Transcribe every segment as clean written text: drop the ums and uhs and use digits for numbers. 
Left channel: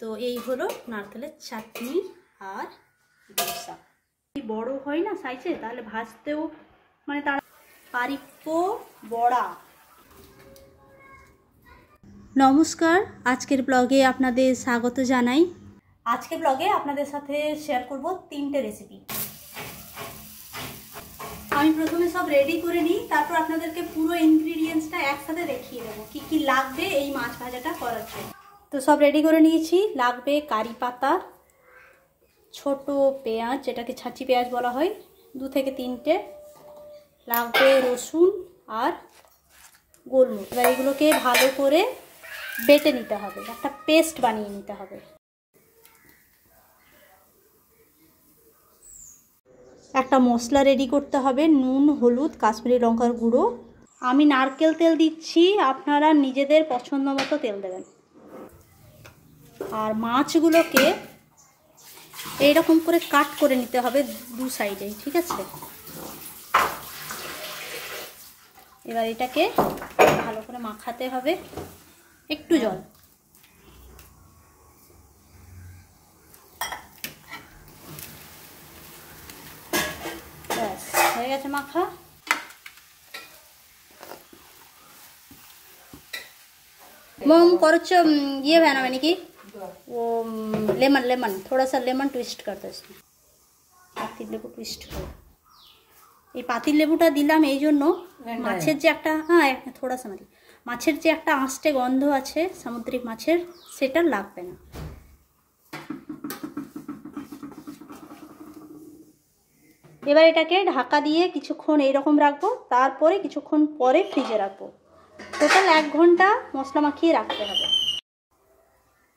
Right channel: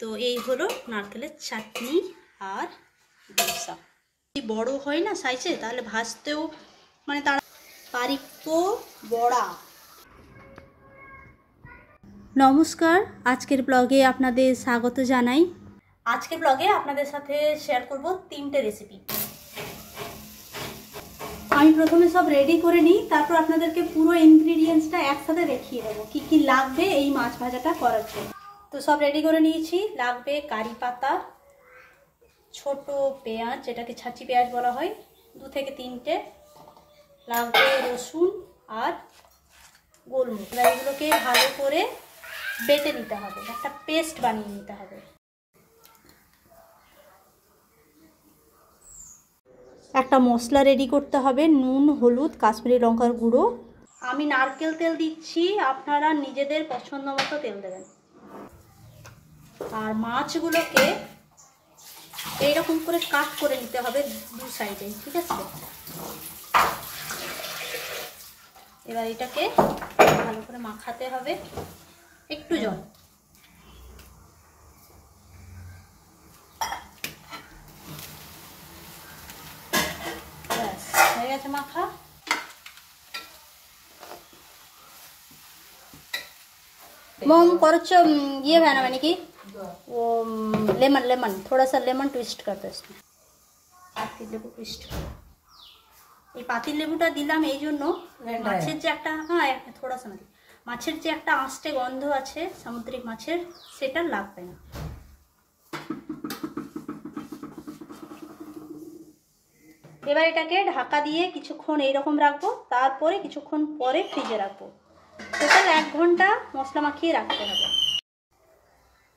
তো এই হলো নারকেলের চাটনি আর দোসা। বড় হয় না সাইজে, তাহলে ভাজতেও মানে তার পারিপ্প বড়া। নমস্কার, আজকের ব্লগে আপনাদের স্বাগত জানাই। আজকের ব্লগে আপনাদের সাথে শেয়ার করব 3টে রেসিপি। আমি প্রথমে সব রেডি করে নিই, তারপর আপনাদেরকে পুরো ইনগ্রিডিয়েন্টসটা একসাথে দেখিয়ে দেবো কি কি লাগবে এই মাছ ভাজাটা করার জন্য। তো সব রেডি করে নিয়েছি। লাগবে কারি পাতা, ছোট পেঁয়াজ যেটাকে ছাঁচি পেঁয়াজ বলা হয় 2 থেকে 3টে, লাগবে রসুন আর গোলমরিচ। এগুলোকে ভালো করে বেটে নিতে হবে, একটা পেস্ট বানিয়ে নিতে হবে। একটা মশলা রেডি করতে হবে, নুন, হলুদ, কাশ্মীরি লঙ্কার গুঁড়ো। আমি নারকেল তেল দিচ্ছি, আপনারা নিজেদের পছন্দ মতো তেল দেবেন। আর মাছগুলোকে এইরকম করে কাট করে নিতে হবে 2 সাইডে, ঠিক আছে? এবার এটাকে ভালো করে মাখাতে হবে, একটু জল। হয়ে গেছে মাখা। मोम करो ये बना मैंने कि वो लेमन थोड़ा सा लेमन ट्विस्ट कर दो इसमें। পাতিল লেবু টুইস্ট করো। এই পাতিল লেবুটা দিলাম এই জন্য মাছের যে একটা থোড়া সা মানে মাছের যে একটা আঁশটে গন্ধ আছে সামুদ্রিক মাছের, সেটা লাগবে না। এবার এটাকে ঢাকা দিয়ে কিছুক্ষণ এইরকম রাখবো, তারপরে কিছুক্ষণ পরে ফ্রিজে রাখবো। টোটাল 1 ঘন্টা মশলা মাখিয়ে রাখতে হবে।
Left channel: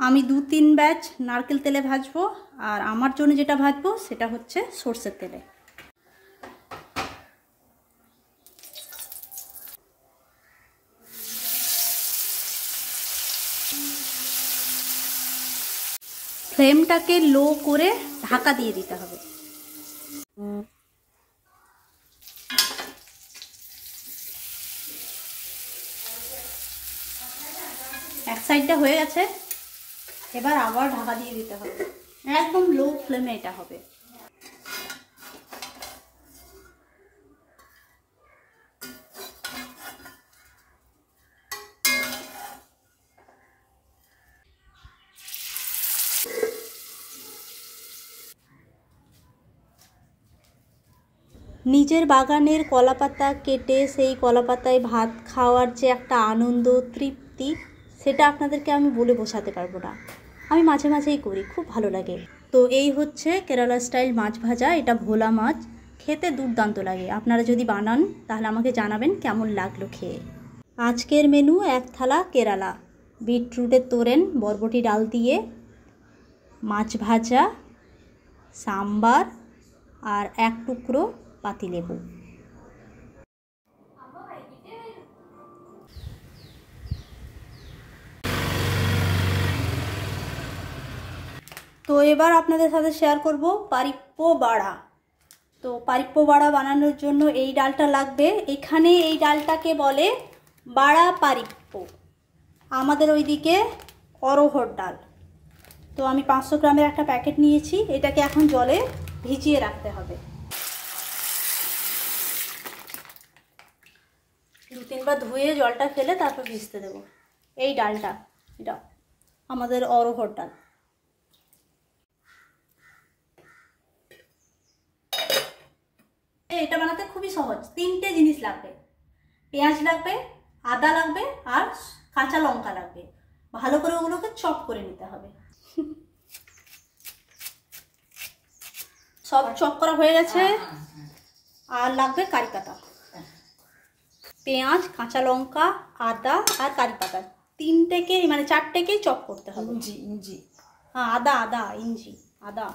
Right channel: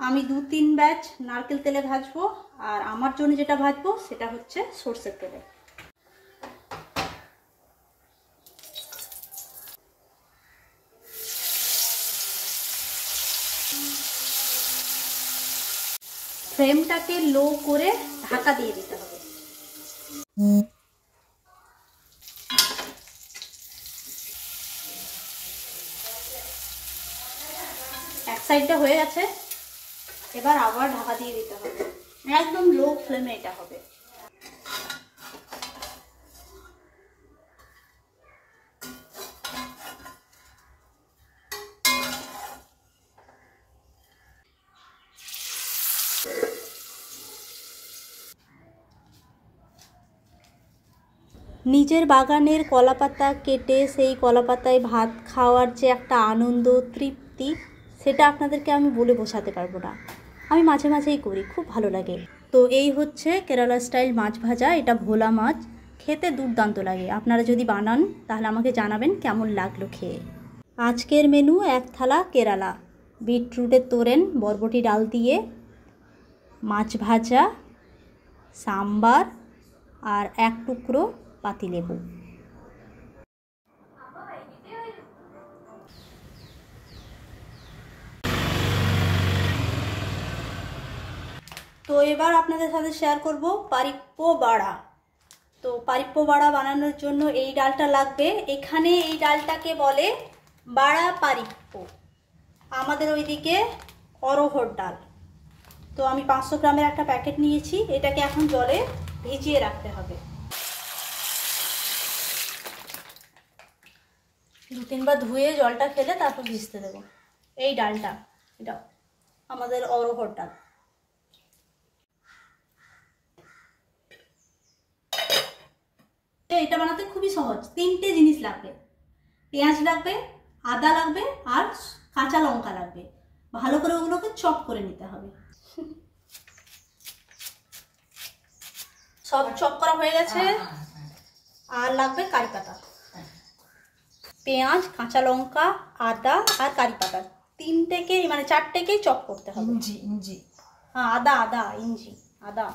আমি 2-3 ব্যাচ নারকেল তেলে ভাজবো, আর আমার জন্য যেটা ভাজবো সেটা হচ্ছে সরষের তেলে। ফ্লেমটাকে লো করে ঢাকা দিয়ে দিতে হবে। এক সাইডটা হয়ে গেছে, এবার আবার ঢাকা দিয়ে দিতে হবে। একদম লো ফ্লেমে এটা হবে। নিজের বাগানের কলাপাতা কেটে সেই কলাপাতায় ভাত খাওয়ার যে একটা আনন্দ, তৃপ্তি, সেটা আপনাদেরকে আমি বলে বোঝাতে পারবো না। আমি মাঝে মাঝেই করি, খুব ভালো লাগে। তো এই হচ্ছে কেরালা স্টাইল মাছ ভাজা। এটা ভোলা মাছ, খেতে দুর্দান্ত লাগে। আপনারা যদি বানান তাহলে আমাকে জানাবেন কেমন লাগলো খেয়ে। আজকের মেনু 1 থালা কেরালা, বিটরুটের তোরেন, বরবটি ডাল দিয়ে মাছ ভাজা, সাম্বার আর 1 টুকরো পাতিলেবু। তো এবার আপনাদের সাথে শেয়ার করব পারিপ্প বাড়া। তো পারিপ্প বাড়া বানানোর জন্য এই ডালটা লাগবে। এখানে এই ডালটাকে বলে বাড়া পারিপ্প, আমাদের ওইদিকে অরহর ডাল। তো আমি 500 গ্রামের একটা প্যাকেট নিয়েছি। এটাকে এখন জলে ভিজিয়ে রাখতে হবে। 2-3 বার ধুয়ে জলটা ফেলে তারপর ভিজতে দেবো। এই ডালটা, এটা আমাদের অরহর ডাল। এটা বানাতে খুবই সহজ। 3টে জিনিস লাগবে, পেঁয়াজ লাগবে, আদা লাগবে আর কাঁচা লঙ্কা লাগবে। ভালো করে ওগুলোকে চপ করে নিতে হবে। সব চপ করা হয়ে গেছে। আর লাগবে কারি পাতা, পেঁয়াজ, কাঁচা লঙ্কা, আদা আর কারি পাতা। 3টেকে মানে 4টেকেই চপ করতে হবে। ইঞ্জি আদা ইঞ্জি আদা।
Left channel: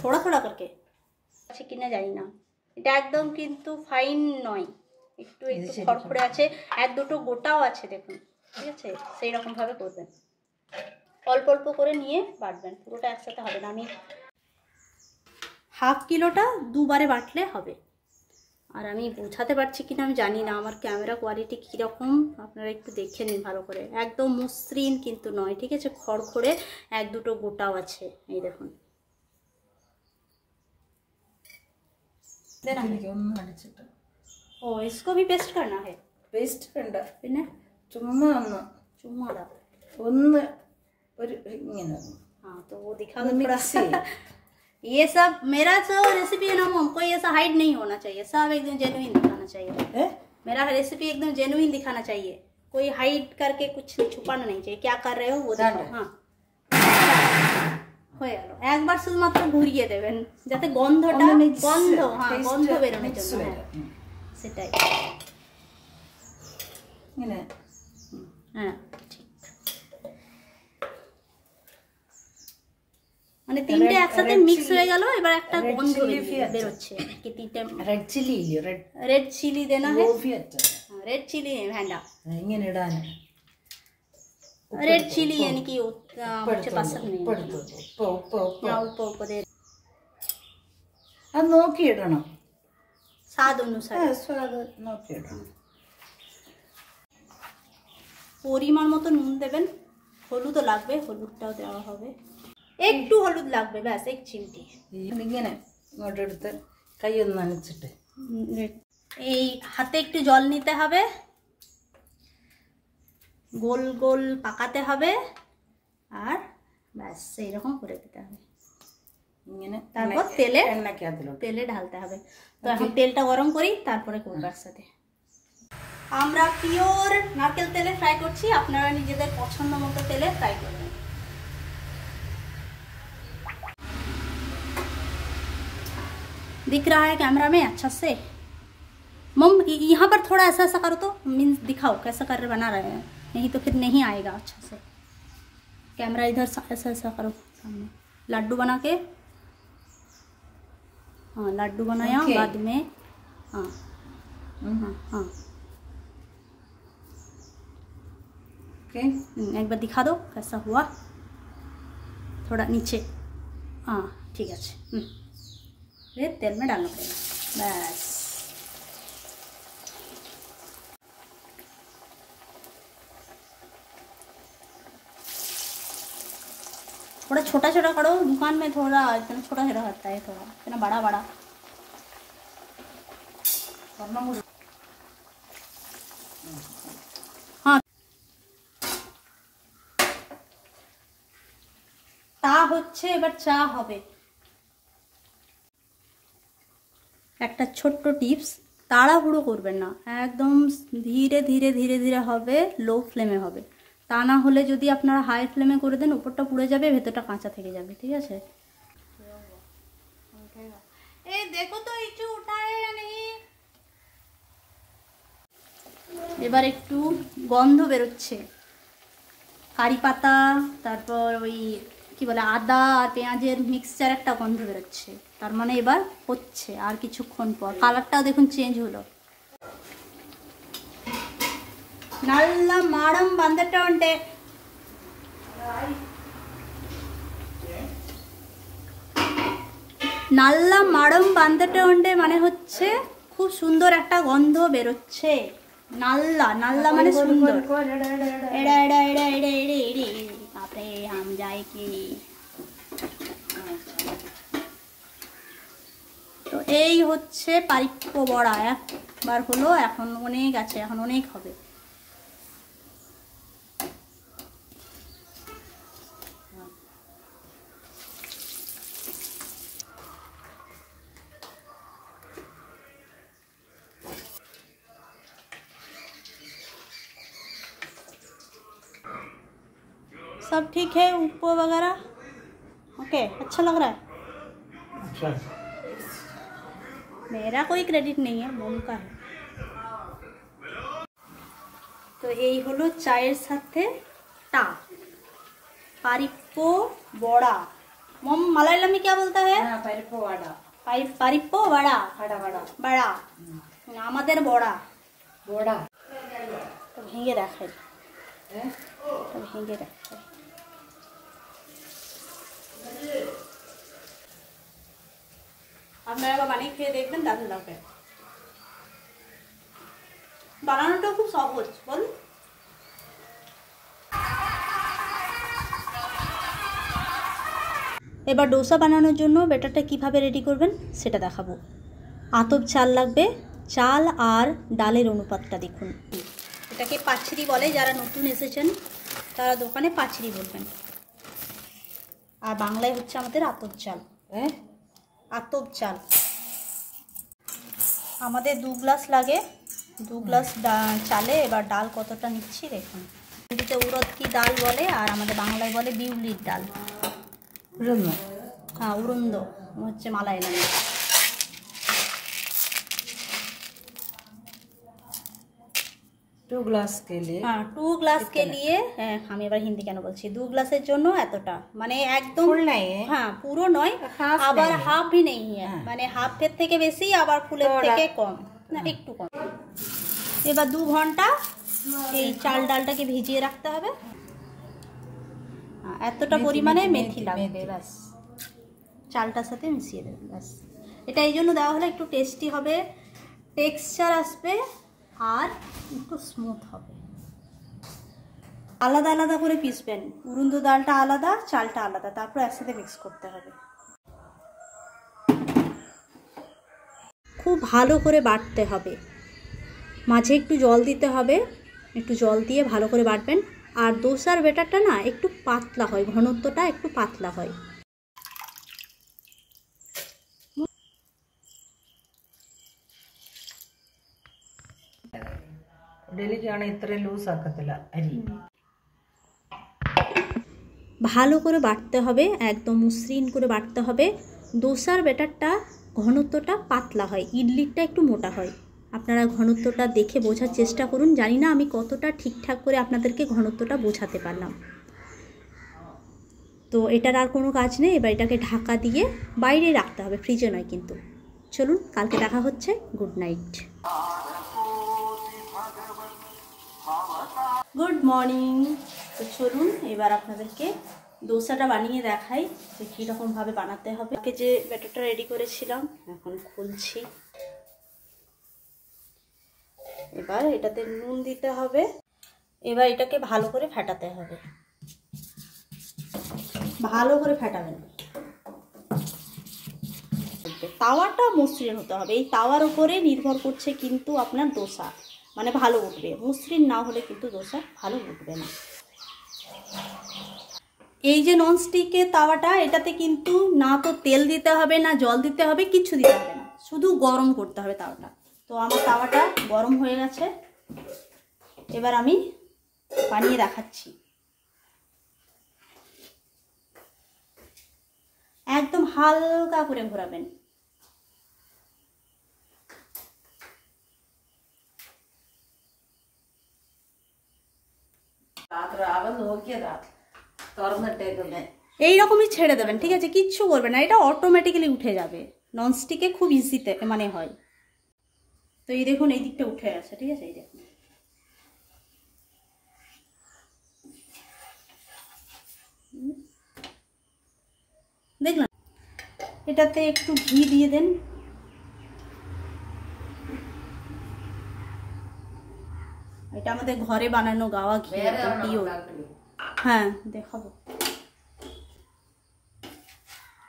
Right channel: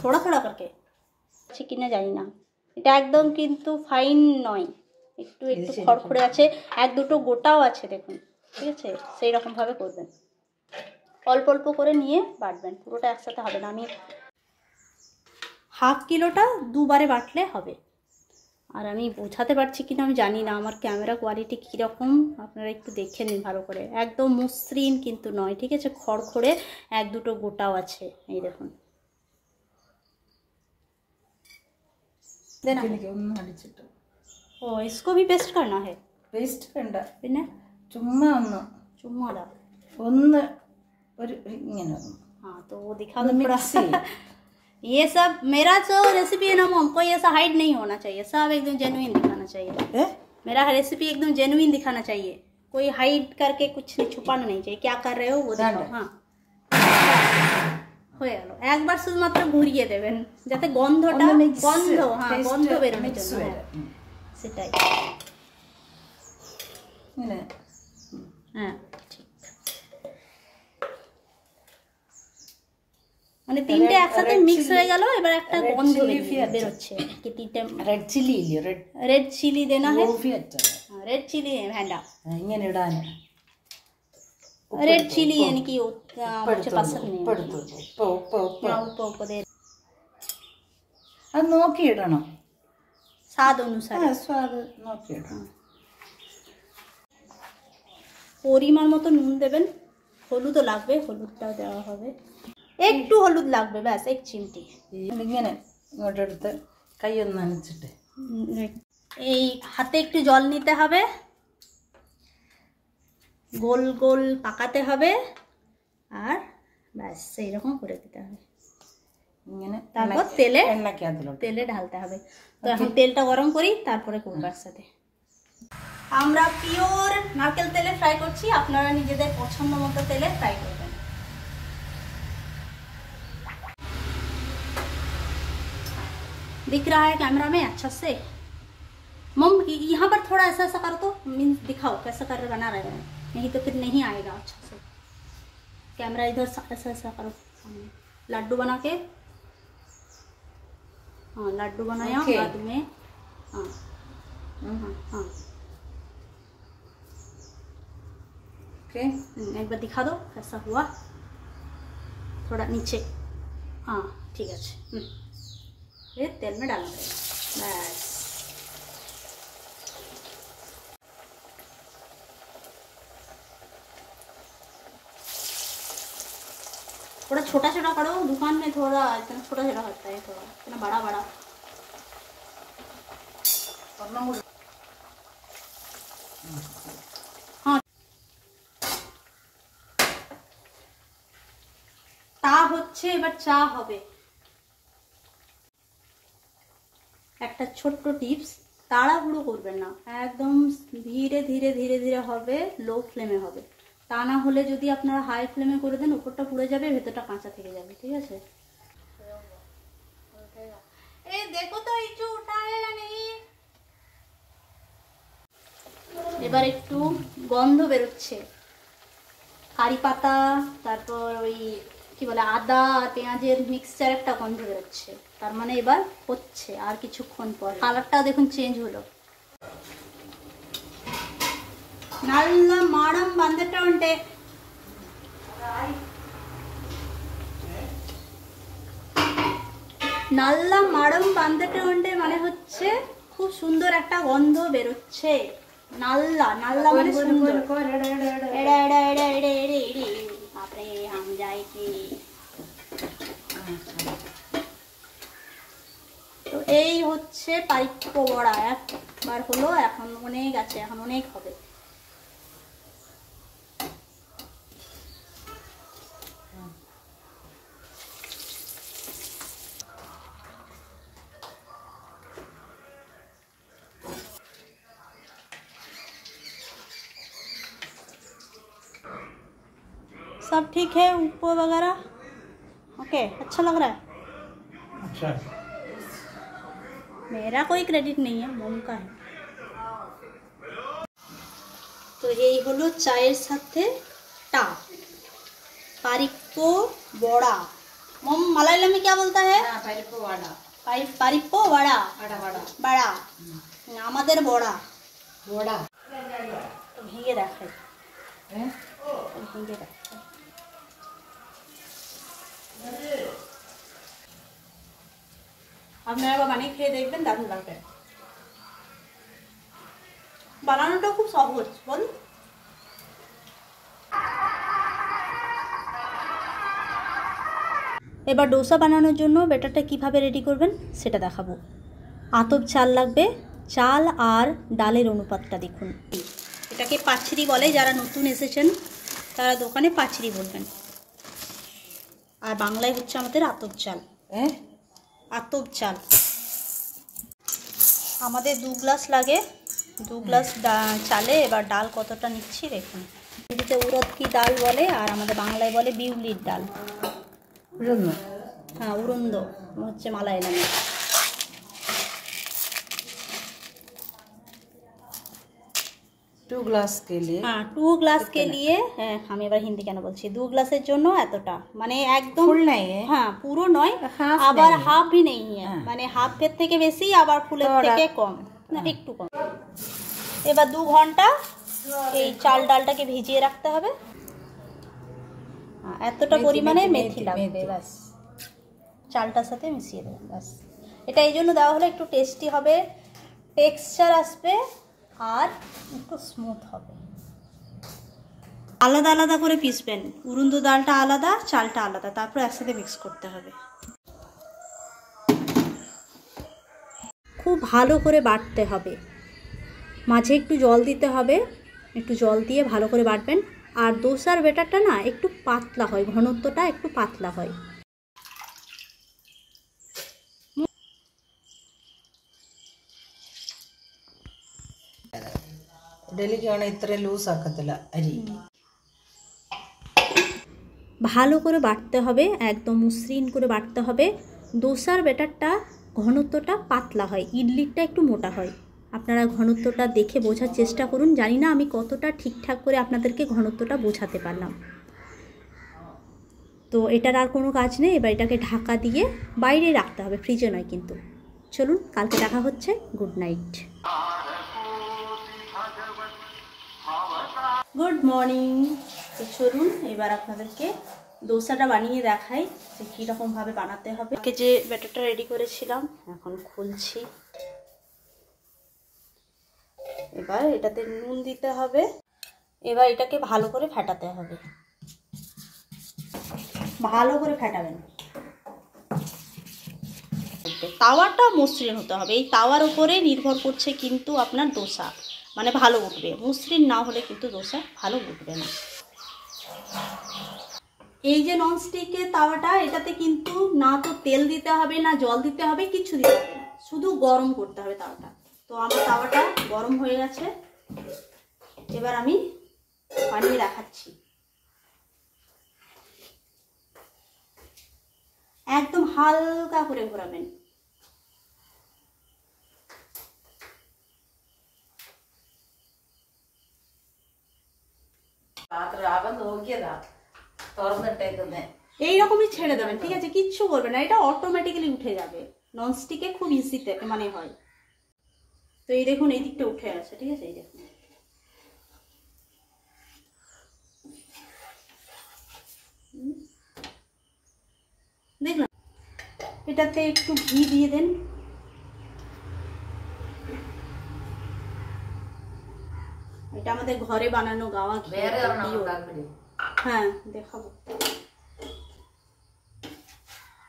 थोड़ा थोड़ा करके আছে কিনা জানি না। এটা একদম কিন্তু ফাইন নয়, একটু একটু খড়খড়ে আছে, 1-2টো গোটাও আছে দেখুন, ঠিক আছে? সেই রকম ভাবে করবেন, অল্প অল্প করে নিয়ে বাটবেন, পুরোটা একসাথে হবে না। আমি হাফ কিলোটা দুবারে বাটলে হবে। আর আমি বোঝাতে পারছি কিনা আমি জানি না, আমার ক্যামেরা কোয়ালিটি কীরকম আপনারা একটু দেখে নিন ভালো করে। একদম মসৃণ কিন্তু নয়, ঠিক আছে, খড়খড়ে এক দুটো গোটাও আছে। এই দেখুন, ओ इसको भी पेस्ट करना है? पेस्ट വേണ്ട, പിന്നെ ചുമ്മാ ഒന്ന് ചുമ്മാതാ ഒന്ന് ഒരു ഇങ്ങനെ। हाँ तो वो दिखा दो थोड़ा। ये सब मेरा जो रेसिपी है ना हमको ये सब हाइड नहीं होना चाहिए, सब एकदम जेन्युइन दिखाना चाहिए। मेरा रेसिपी एकदम जेन्युइन दिखाना चाहिए, कोई हाइड करके कुछ छुपाना नहीं चाहिए। क्या कर रहे हो वो दिखाओ। हाँ হয়ে গেল। একবার শুধুমাত্র ঘুরিয়ে দেবেন যাতে গন্ধটা গন্ধ হ্যাঁ গন্ধ বেরোনোর জন্য। সেটাই হ্যাঁ ঠিক। মানে তিনটে একসাথে মিক্স হয়ে গেল, এবার একটা গন্ধ বেরোচ্ছে। റെഡ് ചില്ലി ഇല്ലേ, रेड चिली देना है, रेड चिली വേണ്ട, ഇങ്ങനെ ഇടാൻ रेड चिली यानी कि मुझे पसंद नहीं है। उप्पो उप्पो दे, അത് നോക്കി ഇടണം, स्वाद अनुसार স্বাদ നോക്കി ഇടണം। পরিমাণ মতো নুন দেবেন, হলুদও লাগবে, হলুদটাও দেওয়া হবে, একটু হলুদ লাগবে, ব্যাস 1 চিমটি। ഇങ്ങനെ ഇങ്ങോട്ട് എടുത്ത് കൈ ഒന്ന് നനച്ചിട്ട് এই হাতে একটু জল নিতে হবে, গোল গোল পাকাতে হবে, আর ব্যাস এইরকম করে দিতে হবে। ইങ്ങനെ তারপর তেলে তেলে ঢালতে হবে। তো এখন তেলটা গরম করি, তারপরে করবো একসাথে। আমরা পিওর নারকেল তেলে ফ্রাই করছি, আপনারা নিজেদের পছন্দ মতো তেলে ফ্রাই করবেন। दिख रहा है कैमरा में अच्छा से? मम यहाँ पर थोड़ा ऐसा ऐसा करो तो मीन्स दिखाओ कैसा कर रहे बना रहे हैं, नहीं तो फिर नहीं आएगा अच्छा से। कैमरा इधर ऐसा ऐसा करो सामने, लड्डू बना के, हाँ लड्डू बनाया बाद में, हाँ हाँ ओके। एक बार दिखा दो कैसा हुआ, थोड़ा नीचे, हाँ ठीक है। फिर तेल में डालना पड़ेगा, बस। थोड़ा छोटा छोटा करो, दुकान में थोड़ा एकदम छोटा छोटा होता है, थोड़ा इतना बड़ा बड़ा। हाँ তা হচ্ছে, এবার চা হবে। একটা ছোট্ট টিপস, তাড়াহুড়ো করবেন না, একদম ধীরে ধীরে ধীরে ধীরে হবে, লো ফ্লেমে হবে। তা না হলে যদি আপনারা হাই ফ্লেমে করে দেন উপরটা পুড়ে যাবে, ভেতরটা কাঁচা থেকে যাবে, ঠিক আছে। এই দেখো তো একটু উঠায়েগা নেই। এবার একটু গন্ধ বেরোচ্ছে, কারি পাতা, তারপর ওই কি বলে আদা আর পেঁয়াজের মিক্সচার একটা গন্ধ বেরোচ্ছে, তার মানে এবার হচ্ছে। আর কিছুক্ষণ পর কালারটাও দেখুন চেঞ্জ হলো। നല്ല മണം വന്നിട്ടുണ്ട്, നല്ല মড়ম বাঁধতে মানে হচ্ছে খুব সুন্দর একটা গন্ধ বেরোচ্ছে। নাল্লা নাল্লা মানে সুন্দর। বাপরে হাম যায় কি। তো এই হচ্ছে পারিপ্য বড়া, একবার হলো, এখন অনেক আছে, এখন অনেক হবে। सब ठीक है, ऊपर वगैरह ओके, अच्छा लग रहा है। अच्छा, मेरा कोई क्रेडिट नहीं है, मम का है। तो यही हलो चायर साथे टा पारिप्पो बड़ा। मम मलयालम में क्या बोलता है? പരിപ്പ് വട, पारिप्पो बड़ा, बड़ा আমাদের বড়া বড়া। তো ভেঙে রাখে, ভেঙে রাখে। আপনারা আবার বানিয়ে খেয়ে দেখবেন, দারুণ লাগবে। বানানোটাও খুব সহজ, বল। এবার ডোসা বানানোর জন্য ব্যাটারটা কিভাবে রেডি করবেন সেটা দেখাবো। আতপ চাল লাগবে, চাল আর ডালের অনুপাতটা দেখুন। এটাকে পাচড়ি বলে, যারা নতুন এসেছেন তারা দোকানে পাচড়ি বলবেন, আর বাংলায় হচ্ছে আমাদের আতপ চাল। আতপ চাল আমাদের 2 গ্লাস লাগে, 2 গ্লাস চালে। এবার ডাল কতটা নিচ্ছি দেখুন। এদিকে উড়দ কি ডাল বলে, আর আমাদের বাংলায় বলে বিউলির ডাল। हाँ उड़ंद হচ্ছে মালায়ালামে। 2 গ্লাস के लिए। हाँ 2 ग्लास के लिए, আমি এবার হিন্দি কেন বলছি, 2 গ্লাসের জন্য এতটা, মানে একদম ফুল নাই, হ্যাঁ পুরো নয়, আবার হাফ भी नहीं है, মানে হাফের থেকে বেশি আবার ফুলের থেকে কম, না একটু কম। এবার 2 ঘন্টা এই চাল ডালটাকে ভিজিয়ে রাখতে হবে। এতটা পরিমাণে মেথি লাগবে, ব্যাস চালটার সাথে মিশিয়ে দেবেন, ব্যাস। এটা এই জন্য দেওয়া হলে একটু টেস্টি হবে, টেক্সচার আসবে আর একটু স্মুথ হবে। আলাদা আলাদা করে পিসবেন, উড়ন্দ ডালটা আলাদা, চালটা আলাদা, তারপর একসাথে মিক্স করতে হবে। খুব ভালো করে বাটতে হবে, মাঝে একটু জল দিতে হবে, একটু জল দিয়ে ভালো করে বাটবেন। আর দোসার ব্যাটারটা না একটু পাতলা হয়, ঘনত্বটা একটু পাতলা হয়। ഡെലിക്കാണ് ഇത്ര ലൂസ് ആക്കത്തില്ല അരി। ভালো করে বাটতে হবে, একদম মসৃণ করে বাটতে হবে। দোসার ব্যাটারটা ঘনত্বটা পাতলা হয়, ইডলিটা একটু মোটা হয়। আপনারা ঘনত্বটা দেখে বোঝার চেষ্টা করুন। জানি না আমি কতটা ঠিকঠাক করে আপনাদেরকে ঘনত্বটা বোঝাতে পারলাম। তো এটার আর কোনো কাজ নেই, এবার এটাকে ঢাকা দিয়ে বাইরে রাখতে হবে, ফ্রিজে নয় কিন্তু। চলুন, কালকে দেখা হচ্ছে। Good night. Good morning. তো চলুন এবার আপনাদেরকে দোসাটা বানিয়ে দেখাই যে কীরকমভাবে বানাতে হবে। যে ব্যাটারটা রেডি করেছিলাম এখন খুলছি। এবার এটাতে নুন দিতে হবে, এবার এটাকে ভালো করে ফেটাতে হবে, ভালো করে ফেটাবেন। তাওয়াটা মসৃণ হতে হবে, এই তাওয়ার উপরে নির্ভর করছে কিন্তু আপনার দোসা, মানে ভালো উঠবে। মসৃণ না হলে কিন্তু দোসা ভালো উঠবে না। এই যে ননস্টিকের তাওয়াটা, এটাতে কিন্তু না তো তেল দিতে হবে না জল দিতে হবে, কিচ্ছু দিতে হবে না, শুধু গরম করতে হবে তাওয়াটা। তো আমার তাওয়াটা গরম হয়ে গেছে, এবার আমি বানিয়ে দেখাচ্ছি। একদম হালকা করে ঘোরাবেন। এইরকমই ছেড়ে দেবেন, ঠিক আছে, কিচ্ছু করবেন না, এটা অটোমেটিক্যালি উঠে যাবে। ননস্টিকে খুব ইজিতে মানে হয়। তো এই দেখুন এই দিকটা উঠে আছে, ঠিক আছে, এই দেখুন। দেখলাম, এটাতে একটু ঘি দিয়ে দেন। এটা আমাদের ঘরে বানানো গাওয়া ঘি, হ্যাঁ দেখাবো।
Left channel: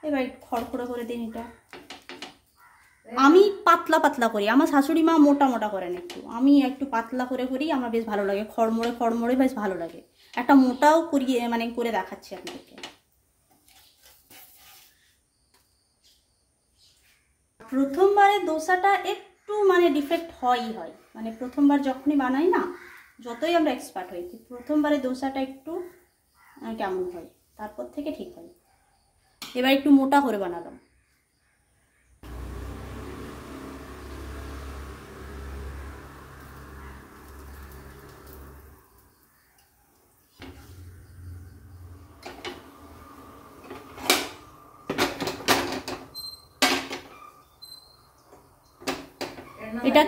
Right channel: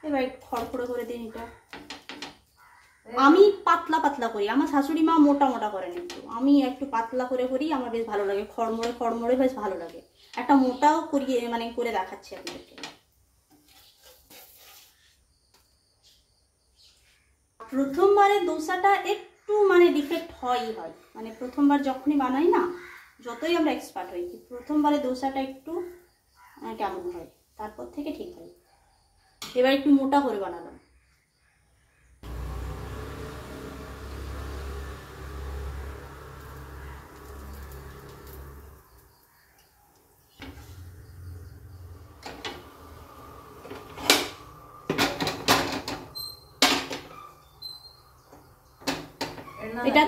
এবার একটু খড়খড়ো করে দিন এটা। আমি পাতলা পাতলা করি, আমার শাশুড়ি মা মোটা মোটা করেন একটু, আমি একটু পাতলা করে করি, আমার বেশ ভালো লাগে, খড়মড়ে খড়মড়ে বেশ ভালো লাগে। একটা মোটাও করিয়ে মানে করে দেখাচ্ছি আপনাদেরকে। প্রথমবারে দোসাটা একটু মানে ডিফেক্ট হয়ই হয়, মানে প্রথমবার যখনই বানাই না, যতই আমরা এক্সপার্ট হই, প্রথমবারে দোসাটা একটু কেমন হয়, তারপর থেকে ঠিক হয়। এবার একটু মোটা করে বানালাম। এটা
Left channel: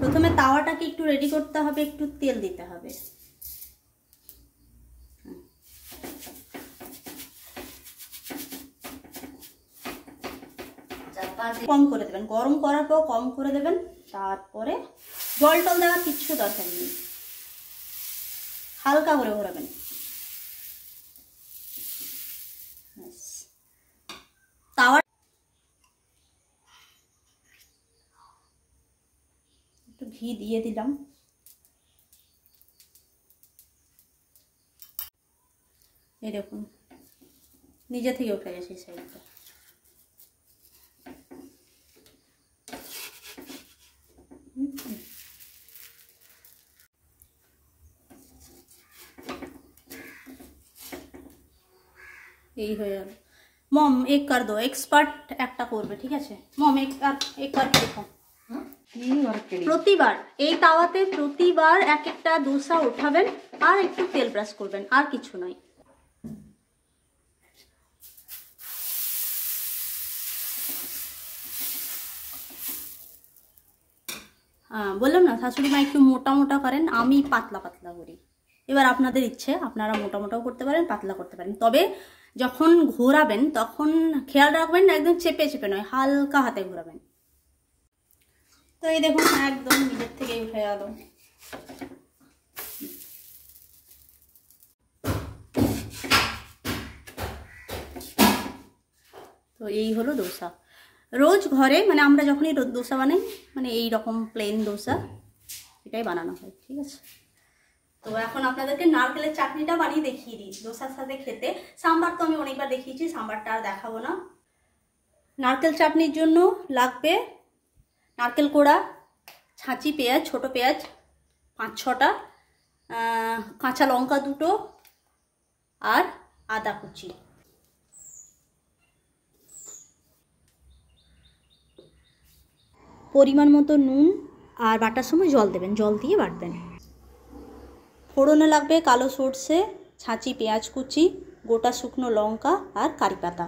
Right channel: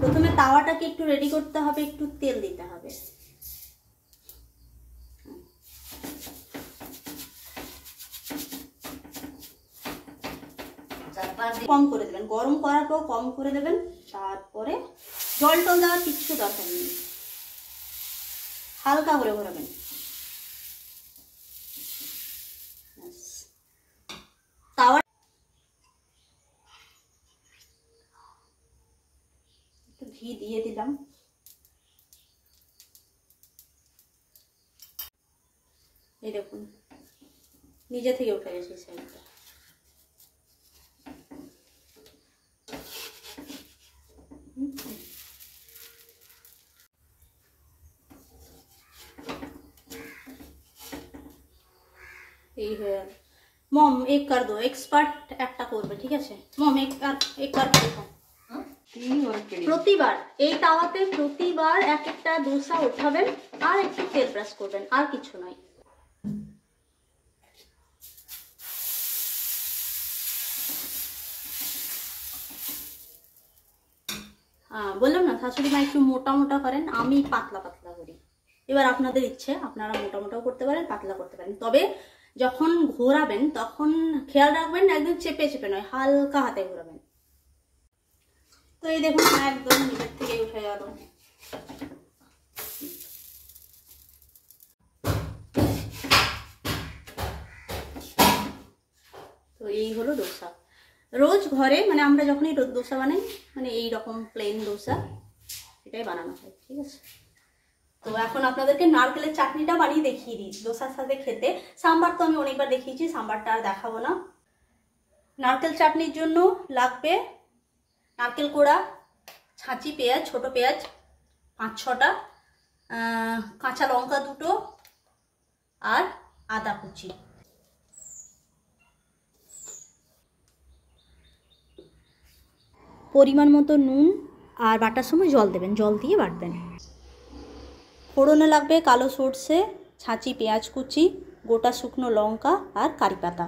প্রথমে তাওয়াটাকে একটু রেডি করতে হবে, একটু তেল দিতে হবে। কম করে দেবেন, গরম করার পর কম করে দেবেন। তারপরে জল টল দেওয়ার কিচ্ছু দরকার নেই, হালকা করে ঘোরাবেন। তাওয়া একটু ঘি দিয়ে দিলাম। এই দেখুন নিজে থেকে উঠে গেছে সাইডটা। এই হয়ে গেল। মম এক कर दो, एक्सपर्ट একটা করবে, ঠিক আছে মম এক कर দেখো। প্রতিবার এই তাওয়াতে প্রতিবার এক একটা দোসা উঠাবেন আর একটু তেল ব্রাশ করবেন, আর কিছু নয়। বললাম না শাশুড়ি মা একটু মোটা মোটা করেন, আমি পাতলা পাতলা করি। এবার আপনাদের ইচ্ছে, আপনারা মোটা মোটাও করতে পারেন, পাতলা করতে পারেন। তবে যখন ঘোরাবেন তখন খেয়াল রাখবেন একদম চেপে চেপে নয়, হালকা হাতে ঘোরাবেন। তো এই দেখুন একদম নিজের থেকে উঠে গেল। তো এই হলো ডোসা। রোজ ঘরে মানে আমরা যখনই ডোসা বানাই মানে এই রকম প্লেন ডোসা এটাই বানানো হয়, ঠিক আছে। তো এখন আপনাদেরকে নারকেলের চাটনিটা বানিয়ে দেখিয়ে দিই ডোসার সাথে খেতে। সাম্বার তো আমি অনেকবার দেখিয়েছি, সাম্বারটা আর দেখাবো না। নারকেল চাটনির জন্য লাগবে নারকেল কোড়া, ছাঁচি পেঁয়াজ, ছোট পেঁয়াজ 5-6টা, কাঁচা লঙ্কা 2টো আর আদা কুচি। পরিমাণ মতো নুন আর বাটার সময় জল দেবেন, জল দিয়ে বাটবেন। ফোড়নে লাগবে কালো সর্ষে, ছাঁচি পেঁয়াজ কুচি, গোটা শুকনো লঙ্কা আর কারি পাতা।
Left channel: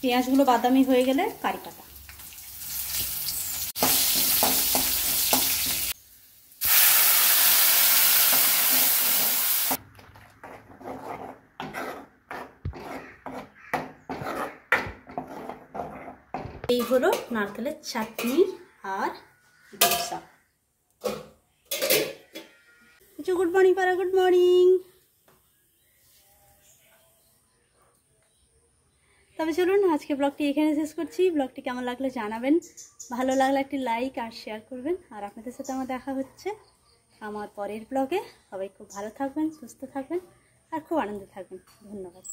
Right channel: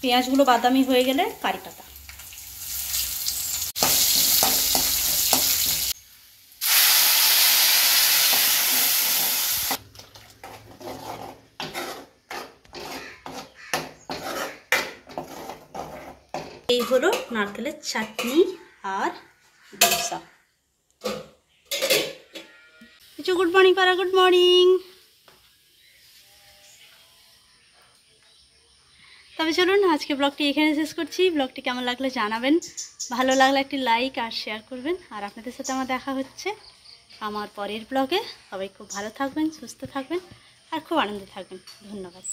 পেঁয়াজগুলো বাদামি হয়ে গেলে কারি পাতা। এই হলো নারকেলের চাটনি আর ডোসা। কিছু গুড মর্নিং পারা, গুড মর্নিং। তবে চলুন আজকে ব্লগটি এখানে শেষ করছি। ব্লগটি কেমন লাগলো জানাবেন, ভালো লাগলে একটি লাইক আর শেয়ার করবেন। আর আপনাদের সাথে আমার দেখা হচ্ছে আমার পরের ব্লগে। সবাই খুব ভালো থাকবেন, সুস্থ থাকবেন আর খুব আনন্দে থাকবেন। ধন্যবাদ।